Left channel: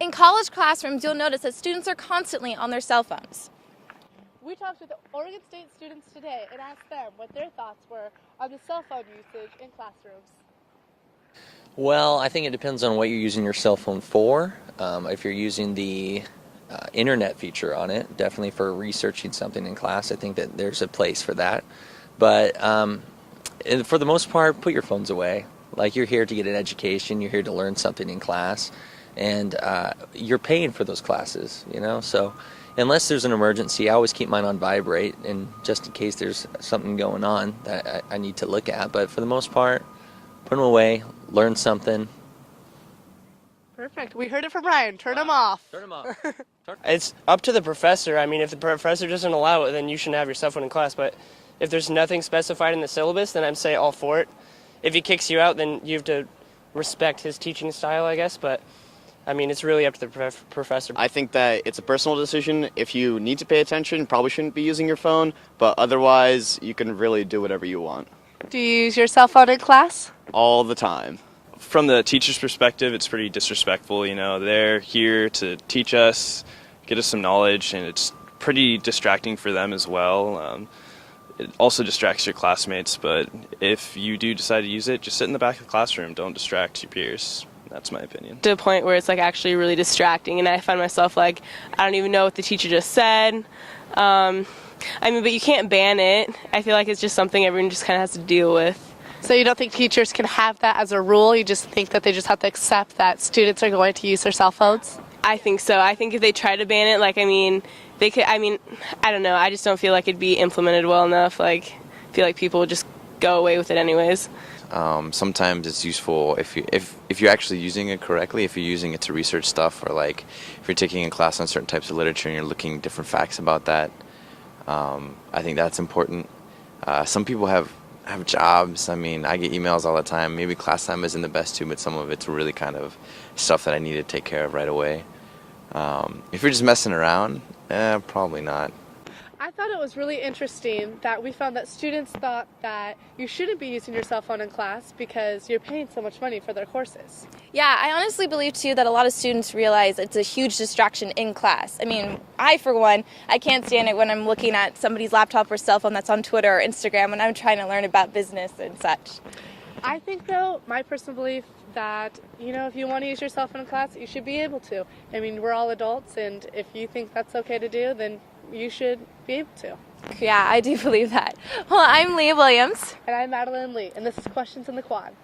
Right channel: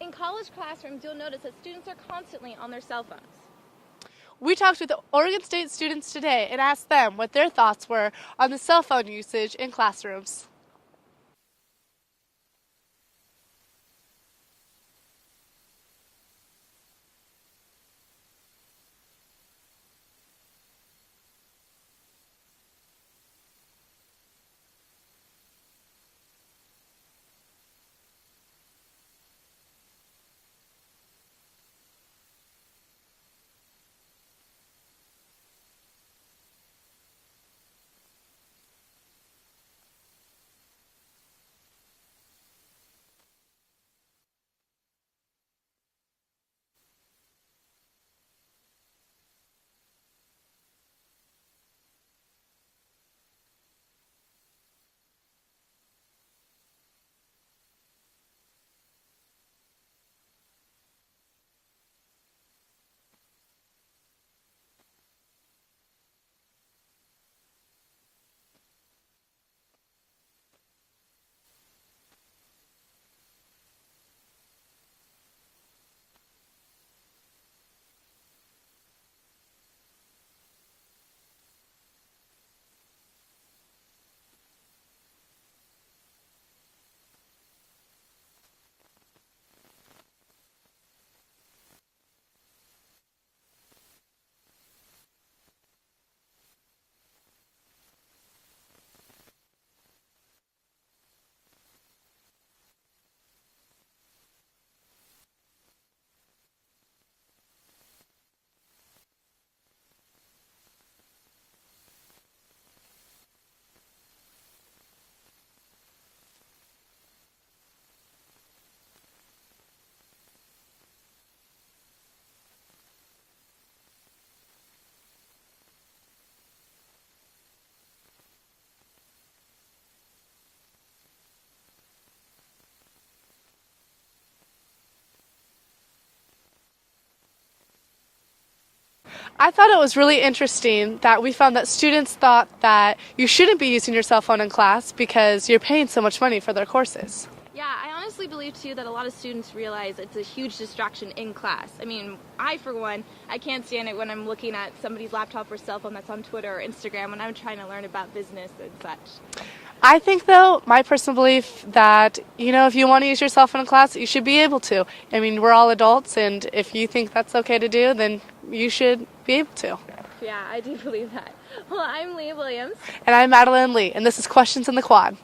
In college classrooms, you'll notice that students are constantly on their cell phones. We talked with Oregon State students today and asked them what their thoughts were on the cell phone usage in classrooms. Well, I think it depends on what you're using your cell phone for. If you're using the internet feature on it, definitely for researching something in class, I think that there's a place for that. But for the most part, put your phones away. Like, you're here to get an education, you're here to learn something in class, and you're paying for those classes, so unless there's an emergency, I always keep mine on vibrate, and just in case there's something going on that I need to look at. But for the most part, put them away, learn something. Perfect. We heard it from Ryan. Turn them off. Turn them off. It's up to the professor. I mean, if the professor doesn't allow it, then you shouldn't have your cell phone in class. But if there's nothing specified in the syllabus, then I'd say all for it. If he kicks you out, then you have to respect his teaching style, I guess. But I mean, it's really up to the professor. I think that it's a personal decision. If you need to pay attention, you probably shouldn't be using your phone, but otherwise, you can really do whatever you want. Do you use your cell phone in class? All the time. From the teacher's perspective, it's pretty disrespectful. They're here to teach us, get us some knowledge, and it's pretty distracting for them as well. It also distracts your classmates, but if you do decide to use it, just sit in the back of the classroom. Don't distract your peers. That's my opinion. To a point where it's actually really distracting, and I find myself I don't even know what the teacher just said. But you can't ban it. I feel like it's just something everyone just kind of has to deal with. So you don't think teachers can have that as a rule? You just think that they just have to accept that students are going to use their cell phones? I think so. I think if they try to ban it, they could. I don't know. I just don't feel like it'd be implemented well enough. I feel like people would just go away with it anyways. Sometimes it's useful if you're actually using it correctly, if you're using it to research stuff, or if you're taking a class on certain types of literature and you're looking at different facts about that. I think that's important. Some people have jobs. I get emails all the time. Maybe class time isn't the best too, but some of it's really kind of stuff that I need to take care of right away. If you're just messing around, probably not. I thought it was really interesting that we found that students thought that you shouldn't be using your cell phone in class because you're paying so much money for their courses. Yeah, I honestly believe, too, that a lot of students realize it's a huge distraction in class. I, for one, I can't stand it when I'm looking at somebody's laptop or cell phone that's on Twitter or Instagram when I'm trying to learn about business and such. I think, though, my personal belief that, if you want to use your cell phone in class, you should be able to. We're all adults, and if you think that's okay to do, then you should be able to. Yeah, I do believe that. Well, I'm Leah Williams. And I'm Madeline Lee, and this is Questions in the Quad.